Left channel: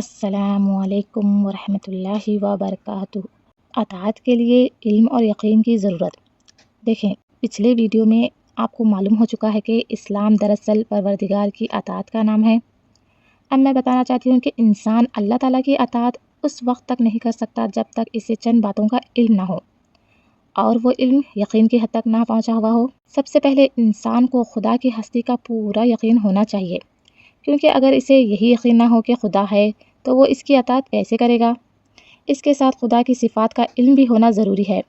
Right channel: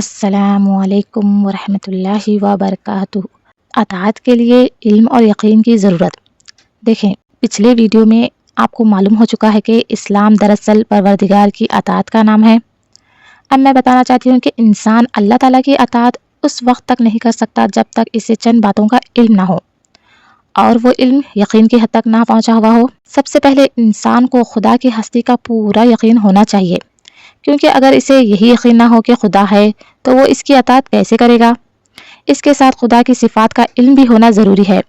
السلام علیکم ورحمۃ اللہ وبرکاتہ۔ اطاعت کے لیے علم اور یقین کی ضرورت۔ دیکھیں، پچھلے ویڈیو میں آپ کو معلوم ہو چکا ہے کہ اسلام دراصل پروردگار کی اطاعت کا نام ہے۔ اب میں بتانا چاہتی ہوں کہ انسان اللہ تعالیٰ کی اطاعت اس وقت تک نہیں کر سکتا جب تک اسے چند باتوں کا علم نہ ہو اور وہ علم یقین کی حد تک نہ پہنچا ہوا ہو۔ سب سے پہلے انسان کو خدا کی ہستی کا پورا یقین ہونا چاہیے، کیونکہ اگر اسے یہی یقین نہ ہو کہ خدا ہے تو وہ اس کی اطاعت کیسے کرے گا۔ اس کے ساتھ خدا کی صفات کا علم بھی ہونا ضروری ہے۔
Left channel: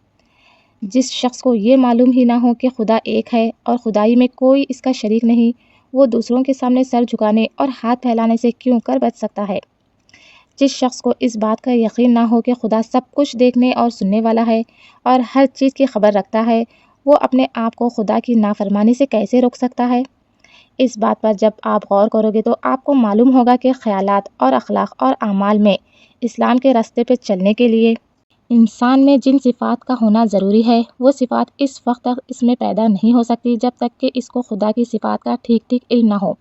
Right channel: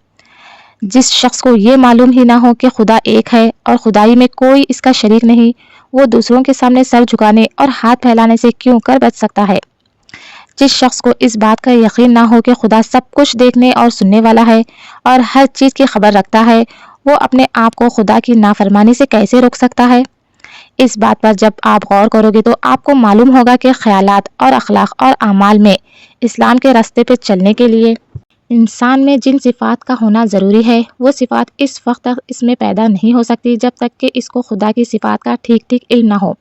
جس شخص کو یہ معلوم ہی نہ ہو کہ خدا ایک ہے اور خدائی میں کوئی اس کا شریک نہیں، وہ دوسروں کے سامنے سر جھکانے اور ہاتھ پھیلانے سے کیوں کر بچ سکتا ہے۔ جس شخص کو اس بات کا یقین نہ ہو کہ خدا سب کچھ دیکھنے اور سننے والا ہے اور ہر چیز کی خبر رکھتا ہے، وہ اپنے آپ کو خدا کی نافرمانی سے کیسے روک سکتا ہے۔ اس بات پر جب آپ غور کرو گے تو آپ کو معلوم ہوگا کہ خیالات اور اخلاق اور اعمال میں اسلام کے راستے پہ چلنے کے لیے انسان میں جن صفات کا ہونا ضروری ہے، وہ صفات اس وقت تک اس میں پیدا نہیں ہو سکتی جب تک کہ اس کو خدا کی صفات کا ٹھیک ٹھیک علم نہ ہو،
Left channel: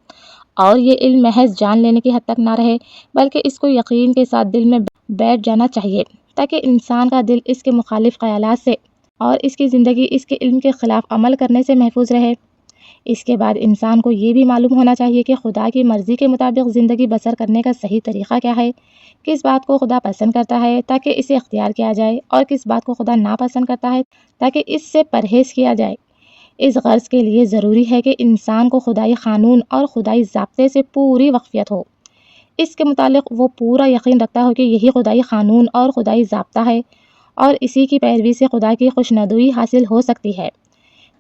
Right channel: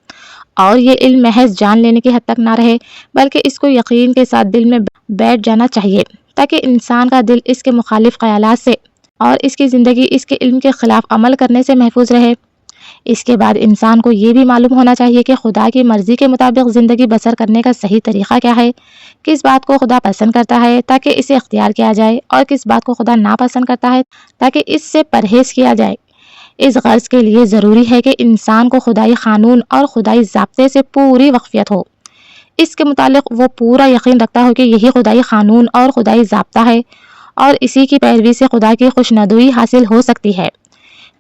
اور یہ علم محض جان لینے کی حد تک نہ رہے بلکہ اس کو یقین کے ساتھ دل میں بیٹھ جانا چاہیے، تاکہ انسان کا دل اس کے مخالف خیالات سے اور اس کی زندگی اس کے علم کے خلاف عمل کرنے سے محفوظ رہے۔ اس کے بعد انسان کو یہ بھی معلوم ہونا چاہیے کہ خدا کی مرضی کے مطابق زندگی بسر کرنے کا صحیح طریقہ کیا ہے، کس بات کو خدا پسند کرتا ہے تاکہ اسے اختیار کیا جائے اور کس بات کو خدا ناپسند کرتا ہے تاکہ اس سے پرہیز کیا جائے۔ اس غرض کے لیے ضروری ہے کہ انسان کو خدائی قانون اور خدائی ضابطے سے پوری واقفیت ہو، اس کے متعلق وہ پورا یقین رکھتا ہو کہ یہی خدائی قانون اور خدائی ضابطہ ہے اور اسی کی پیروی سے خدا کی خوشنودی حاصل ہو سکتی ہے،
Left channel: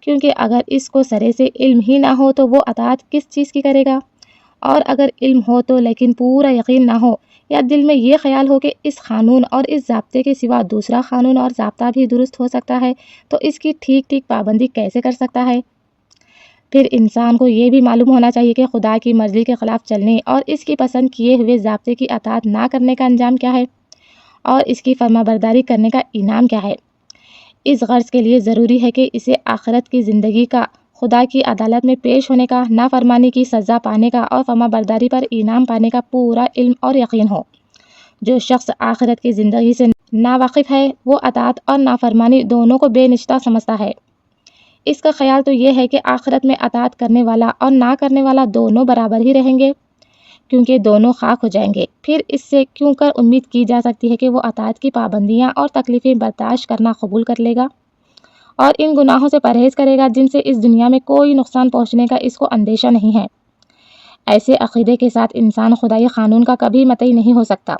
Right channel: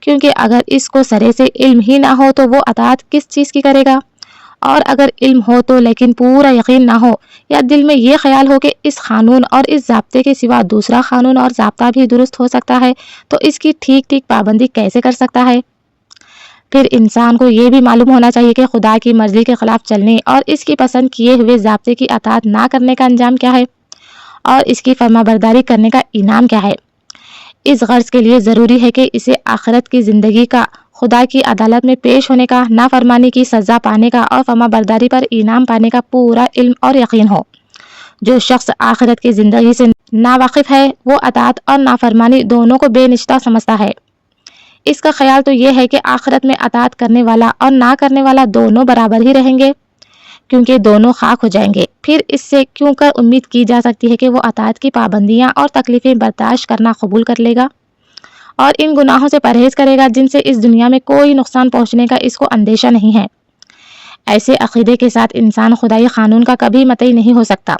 کیونکہ اگر اس کو سرے سے علم ہی نہ ہو تو وہ اطاعت کس چیز کی کرے گا، اور اگر علم ہو تو لیکن پورا یقین نہ ہو یا دل میں یہ خیال ہو کہ اس قانون اور اس ضابطے کے سوا دوسرا قانون اور ضابطہ بھی درست ہو سکتا ہے تو اس کی ٹھیک ٹھیک پابندی کیسے کر سکتا ہے۔ پھر انسان کو یہ بھی معلوم ہونا چاہیے کہ خدا کی مرضی کے خلاف چلنے اور اس کی پسند کیے ہوئے ضابطے کی اطاعت نہ کرنے کا انجام کیا ہے اور اس کی فرما برداری کرنے کا انعام کیا ہے۔ اس غرض کے لیے ضروری ہے کہ اسے آخرت کی زندگی کا، خدا کی عدالت میں پیش ہونے کا، نافرمانی کی سزا پانے کا اور فرما برداری پر انعام پانے کا پورا علم اور یقین ہو۔ جو شخص آخرت کی زندگی سے ناواقف ہے وہ اطاعت اور نافرمانی دونوں کو بے نشتہ سمجھتا ہے۔ اس کا خیال تو یہ ہے کہ آخرت میں اطاعت کرنے والا اور نہ کرنے والا دونوں برابر ہی رہیں گے، کیونکہ دونوں خاک ہو جائیں گے۔ پھر اس سے کیوں کر امید کی جا سکتی ہے کہ وہ اطاعت کی پابندیاں اور تکلیفیں برداشت کرنا قبول کر لے گا اور ان گناہوں سے پرہیز کرے گا جن سے اس دنیا میں کوئی نقصان پہنچنے کا اس کو اندیشہ نہیں ہے۔ ایسے عقیدے کے ساتھ انسان خدائی قانون کا کبھی مطیع نہیں ہو سکتا۔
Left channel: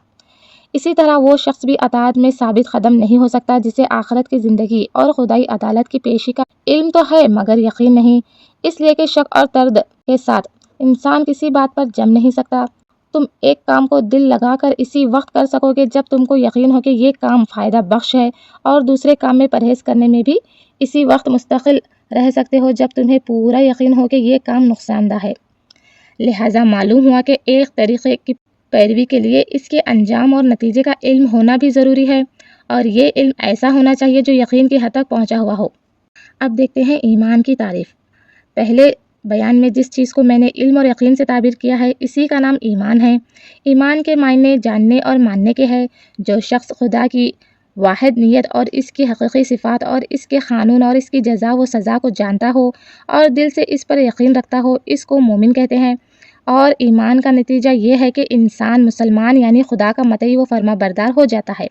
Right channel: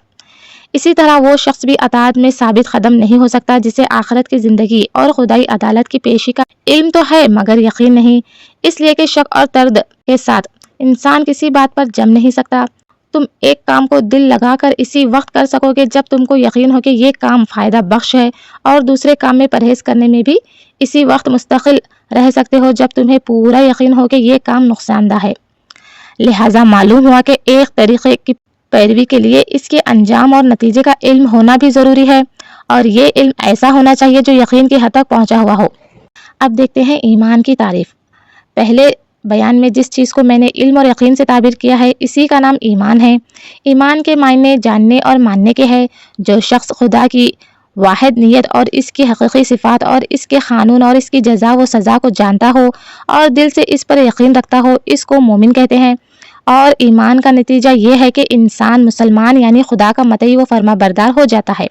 اسی طرح وہ شخص بھی اطاعت میں ثابت قدم نہیں ہو سکتا جسے آخرت کی زندگی اور خدائی عدالت کی پیشی کا علم تو ہے مگر یقین نہیں، اس لیے کہ شک اور ترد کے ساتھ انسان کسی بات پر جم نہیں سکتا۔ تم ایک کام کو دل لگا کر اسی وقت کر سکو گے جب تم کو یقین ہو کہ یہ کام فائدہ بخش ہے، اور دوسرے کام میں پرہیز کرنے میں بھی اسی وقت مستقل رہ سکتے ہو جب تمہیں پورا یقین ہو کہ یہ کام نقصان دہ ہے۔ لہٰذا معلوم ہوا کہ ایک طریقے کی پیروی کے لیے اس کے انجام اور نتیجے کا علم ہونا بھی ضروری ہے، اور یہ علم ایسا ہونا چاہیے جو یقین کی حد تک پہنچا ہوا ہو۔ اب دیکھتے ہیں ایمان کی تعریف۔ پہلے بیان میں جس چیز کو میں نے علم اور یقین سے تعبیر کیا ہے اسی کا نام ایمان ہے۔ ایمان کے معنی جاننے اور ماننے کے ہے۔ جو شخص خدا کی واحد نیت اور اس کی حقیقی صفات اور اس کے قانون اور اس کی جزا و سزا کو جانتا ہو اور دل سے اس پر یقین رکھتا ہو، اس کو مومن کہتے ہیں۔ اور ایمان کا نتیجہ یہ ہے کہ انسان مسلمان یعنی خدا کا مطیع و فرما بردار ہو جاتا ہے۔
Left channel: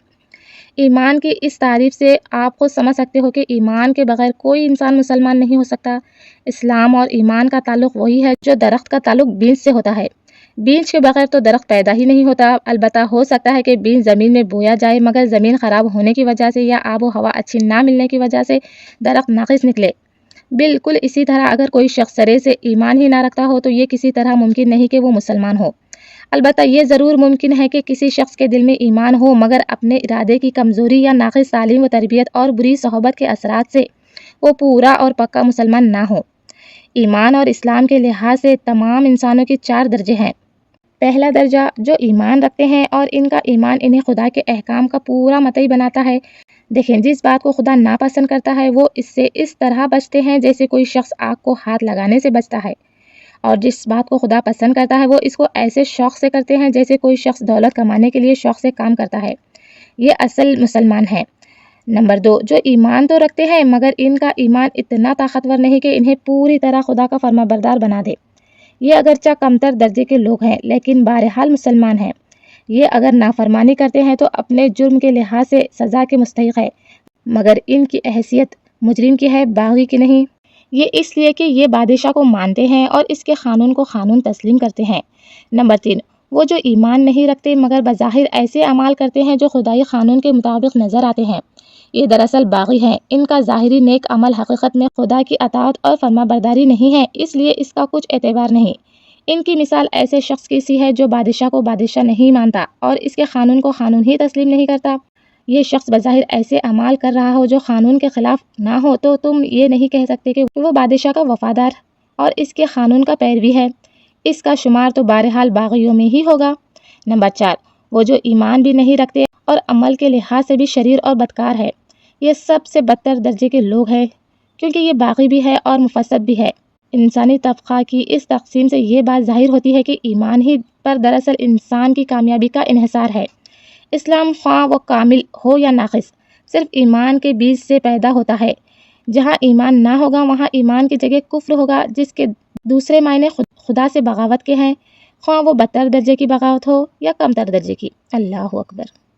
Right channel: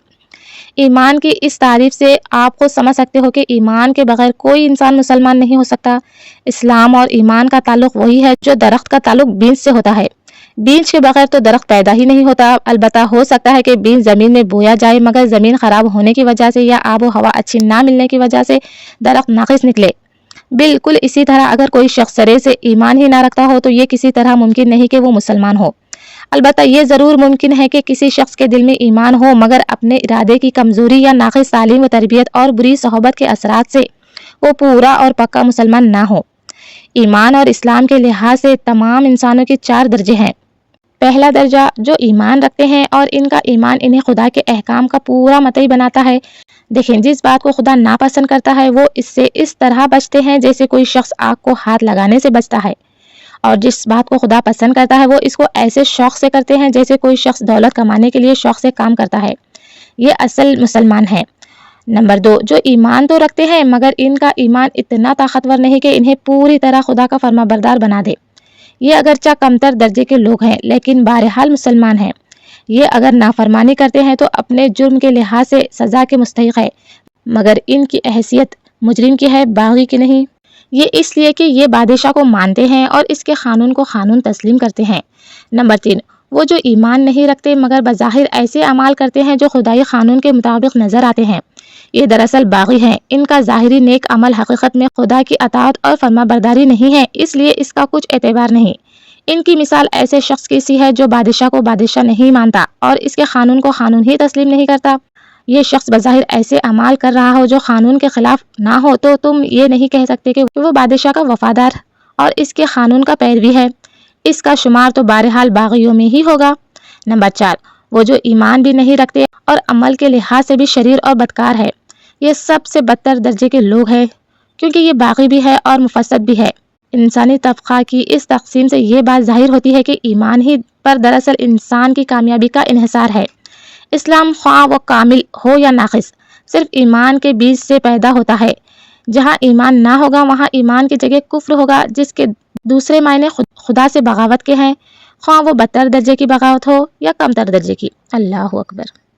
ایمان کی اس تعریف سے آپ خود سمجھ سکتے ہو کہ ایمان کے بغیر کوئی انسان مسلمان نہیں ہو سکتا۔ اسلام اور ایمان کا تعلق وہی ہے جو درخت کا تعلق بیج سے ہوتا ہے۔ بیج کے بغیر تو درخت پیدا ہی نہیں ہوتا۔ البتہ ہو سکتا ہے کہ بیج زمین میں بویا جائے مگر زمین خراب ہونے کی وجہ سے یا آب و ہوا اچھی نہ ملنے کی وجہ سے درخت ناقص نکلے۔ بالکل اسی طرح اگر کوئی شخص سرے سے ایمان ہی نہ رکھتا ہو تو یہ کسی طرح ممکن نہیں کہ وہ مسلمان ہو۔ البتہ یہ ضرور ممکن ہے کہ کسی شخص کے دل میں ایمان ہو مگر اپنے ارادے کی کمزوری یا ناقص تعلیم و تربیت اور بری صحبت کے اثرات سے وہ پورا اور پکا مسلمان نہ ہو۔ ایمان اور اسلام کے لحاظ سے تمام انسانوں کے 4 درجے ہیں۔ پہلا درجہ جو ایمان رکھتے ہیں اور ان کا ایمان انہیں خدا کے احکام کا پورا مطیع بناتا ہے۔ دیکھیں، جس بات کو خدا ناپسند کرتا ہے وہ اس سے اس طرح بچتے ہیں جیسے کوئی شخص آگ کو ہاتھ لگانے سے بچتا ہے، اور جس بات کو خدا پسند کرتا ہے وہ اس کو ایسے شوق سے کرتے ہیں جیسے کوئی شخص دولت کمانے کے لیے شوق سے کام کرتا ہے۔ یہ اصل مسلمان ہیں۔ نمبر 2، جو ایمان تو رکھتے ہیں مگر ان کا ایمان اتنا طاقتور نہیں کہ انہیں پوری طرح خدا کا فرما بردار بنا دے۔ یہ اگرچہ کمتر درجے کے لوگ ہیں لیکن بہرحال مسلمان ہیں۔ یہ اگر نافرمانی کرتے ہیں تو اپنے جرم کے لحاظ سے سزا کے مستحق ہے، مگر ان کی حیثیت مجرم کی ہے، باغی کی نہیں۔ یہ اس لیے کہ یہ بادشاہ کو مانتے ہیں اور اس کے قانون کو قانون تسلیم کرتے ہیں۔ نمبر 3، وہ جو ایمان نہیں رکھتے مگر بظاہر ایسے اعمال کرتے ہیں جو خدائی قانون کے مطابق نظر آتے ہیں، یہ دراصل باغی ہیں۔ ان کا ظاہری نیک عمل حقیقت میں خدا کی اطاعت اور فرما برداری نہیں ہے، اس لیے اس کا کچھ اعتبار نہیں۔ ان کی مثال ایسے شخص کی سی ہے جو بادشاہ کو بادشاہ نہیں مانتا اور اس کے قانون کو قانون ہی تسلیم نہیں کرتا۔ یہ شخص بظاہر ایسے اعمال کر رہا ہو جو قانون کے خلاف نہ ہو تو تم یہ نہیں کہہ سکتے کہ وہ بادشاہ کا وفادار اور اس کے قانون کا پیروی ہے۔ اس کا شمار تو بہرحال باغیوں میں ہی ہوگا۔ نمبر 4، وہ جو ایمان بھی نہیں رکھتے اور عمل کے لحاظ سے بھی شریر اور بدکار ہے، یہ سب سے بدتر درجے کے لوگ ہیں، کیونکہ یہ باغی بھی ہے اور مفسد بھی ہے۔ انسانی طبقہ کی اس تقسیم سے یہ بات ظاہر ہوتی ہے کہ ایمان ہی پر دراصل انسان کی کامیابی کا انحصار ہے۔ اسلام خواہ وہ کامل ہو یا ناقص صرف ایمان کے بیج سے پیدا ہوتا ہے۔ جہاں ایمان نہ ہوگا وہاں ایمان کی جگہ کفر ہوگا، جس کے دوسرے معنی خدا سے بغاوت کے ہیں، خواہ وہ بدتر درجے کی بغاوت ہو یا کمتر درجے کی۔ اللہ اکبر۔